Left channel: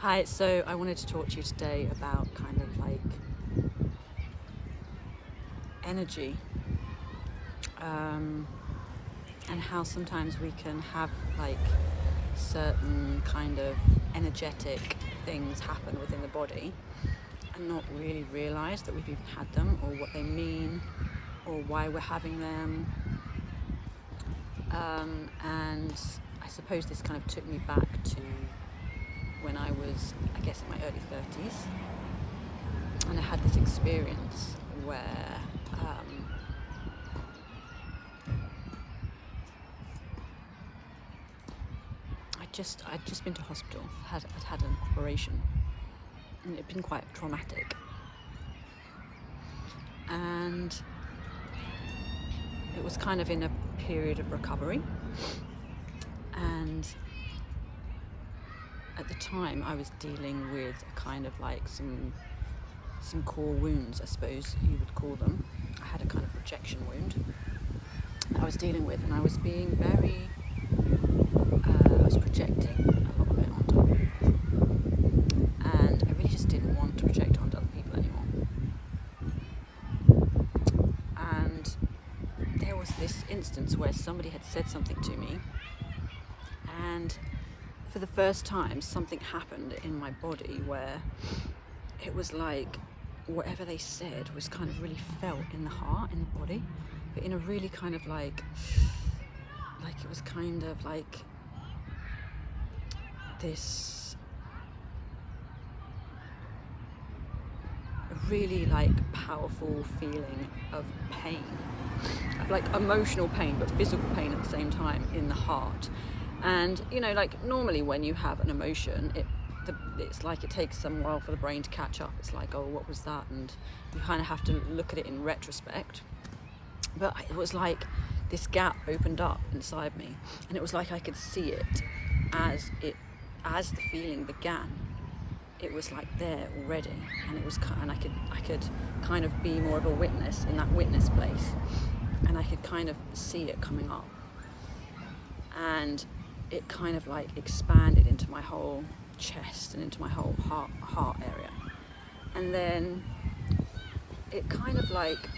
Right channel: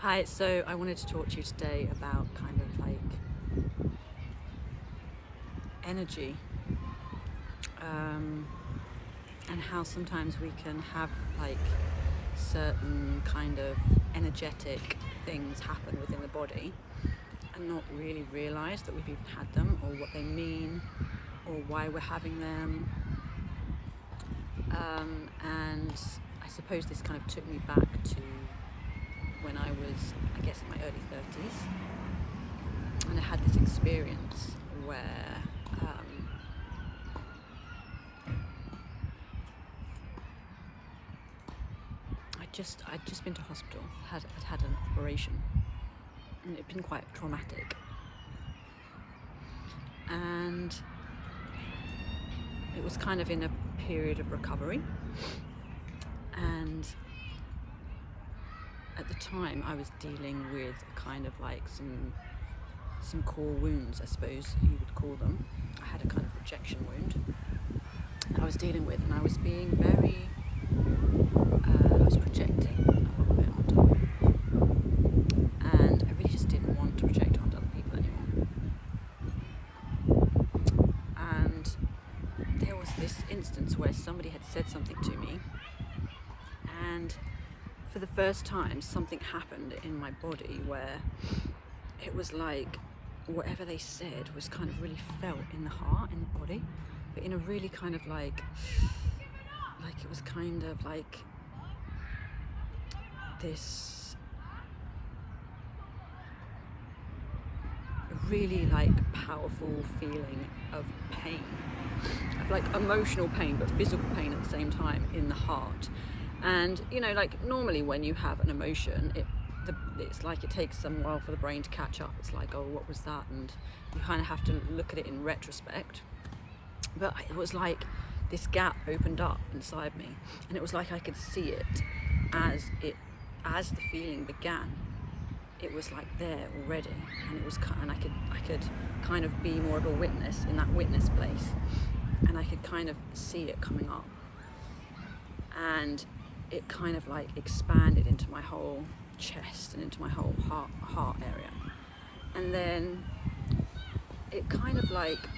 Hi, so I wanted to talk to you today about kind of like energy and how sometimes we can have like certain kind of energetic things happen within the body and not really realize that we've even had them or what they mean or why we're having them. And I suppose this kind of took me back to when I was, I guess, in my early 30s, and I had this experience where I'd just been to hospital, I'd had an operation, and it'd been quite traumatic. And it was kind of in a period of recovery, and at the time I was dealing with a kind of like some core wounds, I suppose you would call them. I had a kind of rejection wound that I was dealing with, and I was being very I was projecting a lot of it onto other people, and I really just didn't want to project it onto other people anymore. And there was this instance where somebody had said something to me, and for the first time something happened in my body where it was like whatever they said was kind of really felt in the heart, in the body, but in a really kind of like it was kind of like this really like powerful feeling of pain, of like emotional pain but physical pain at the same time in the heart. And you know, like normally when you have an emotion, it's like it takes some while for the brain to catch up. It's like, oh, what was that? And you kind of have to look at it in retrospect. But it was like this gap opened up inside me, and it was like I could see it as the feeling began. It was like there already, and it was, and I could kind of be more of a witness in that witness place, and I could kind of see it coming up, and it kind of like expanded into my whole chest and into my whole heart area. And then it kind of like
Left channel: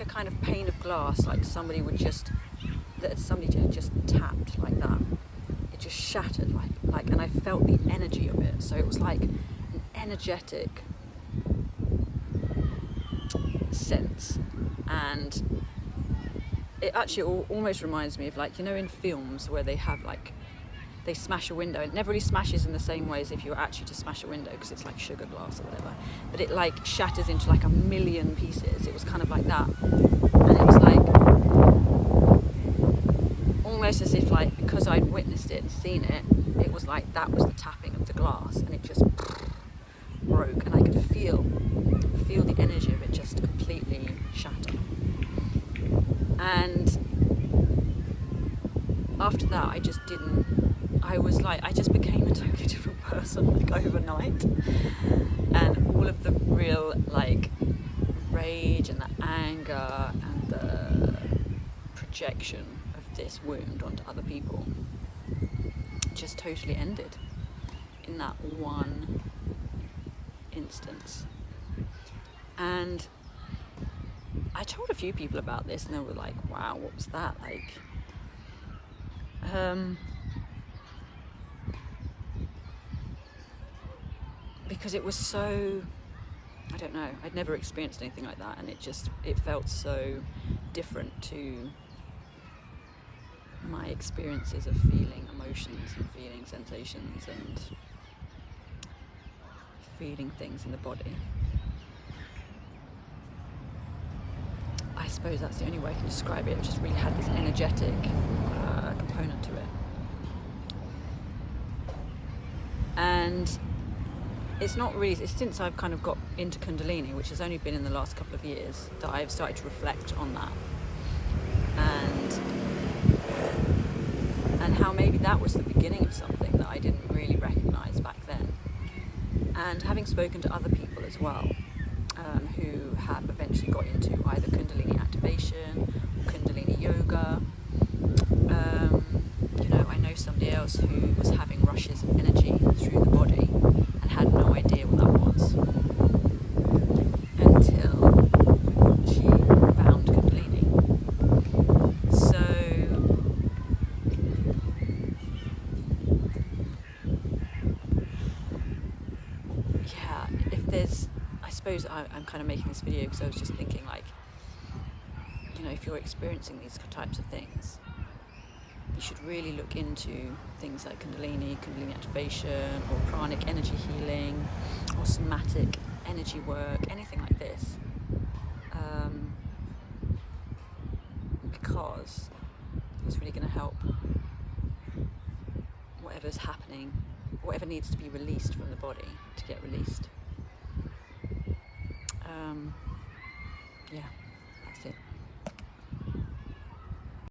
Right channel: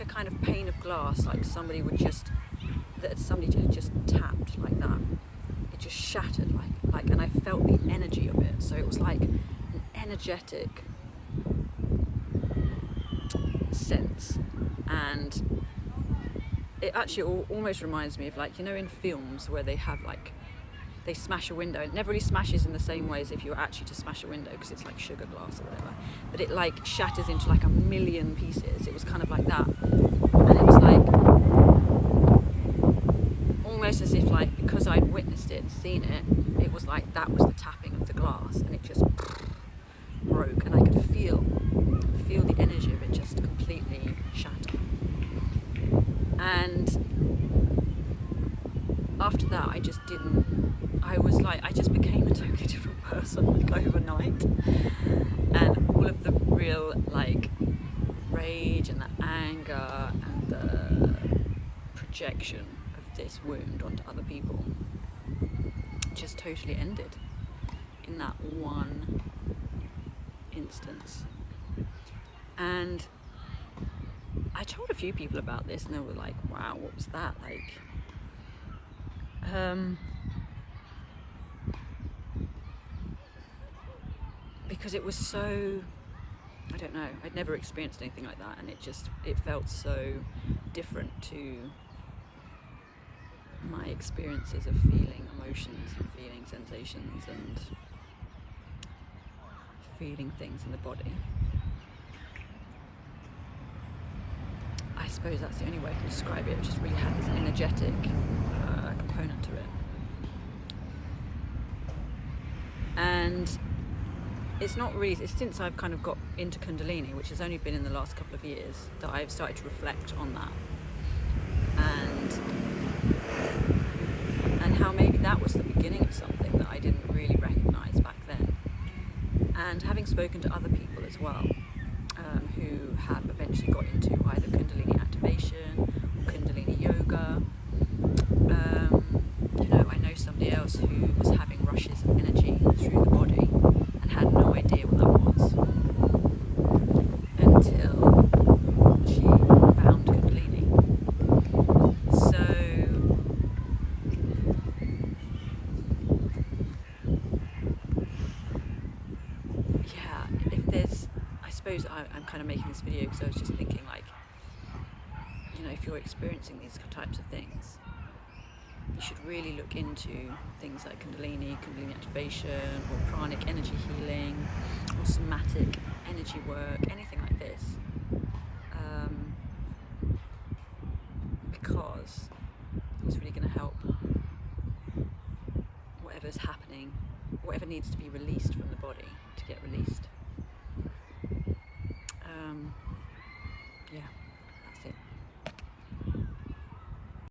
a kind of pane of glass, like somebody had just tapped like that. It just shattered like, and I felt the energy of it. So it was like an energetic sense, and it actually almost reminds me of, like, you know, in films where they have like, they smash a window. It never really smashes in the same way as if you were actually to smash a window, because it's like sugar glass or whatever, but it like shatters into like a million pieces. It was kind of like that, and it was like almost as if, like, because I'd witnessed it and seen it, it was like that was the tapping of the glass, and it just broke, and I could feel the energy of it just completely shatter. And after that, I just became a totally different person, like overnight. And all of the real like rage and the anger and the projection of this wound onto other people just totally ended in that one instance. And I told a few people about this, and they were like, wow, what was that like? Because it was so, I don't know, I'd never experienced anything like that, and it felt so different to my experiences of feeling emotions and feeling sensations and feeling things in the body. I suppose that's the only way I can describe it. It just really had this energetic component to it. And it's since I've kind of got into Kundalini, which has only been in the last couple of years, that I've started to reflect on that, and how maybe that was the beginning of something that I didn't really recognise back then. And having spoken to other people as well, who have eventually got into either Kundalini activation or Kundalini yoga, you know, I know know somebody else who was having rushes of energy through the body and had no idea what that was until she found Kundalini. So yeah, if there's, I suppose I'm kind of making this video because I was just thinking, like, you know, if you're experiencing these types of things, you should really look into things like Kundalini activation, or pranic energy healing, or somatic energy work, anything like this, because it's really going to help whatever's happening, whatever needs to be released from the body to get released. Yeah.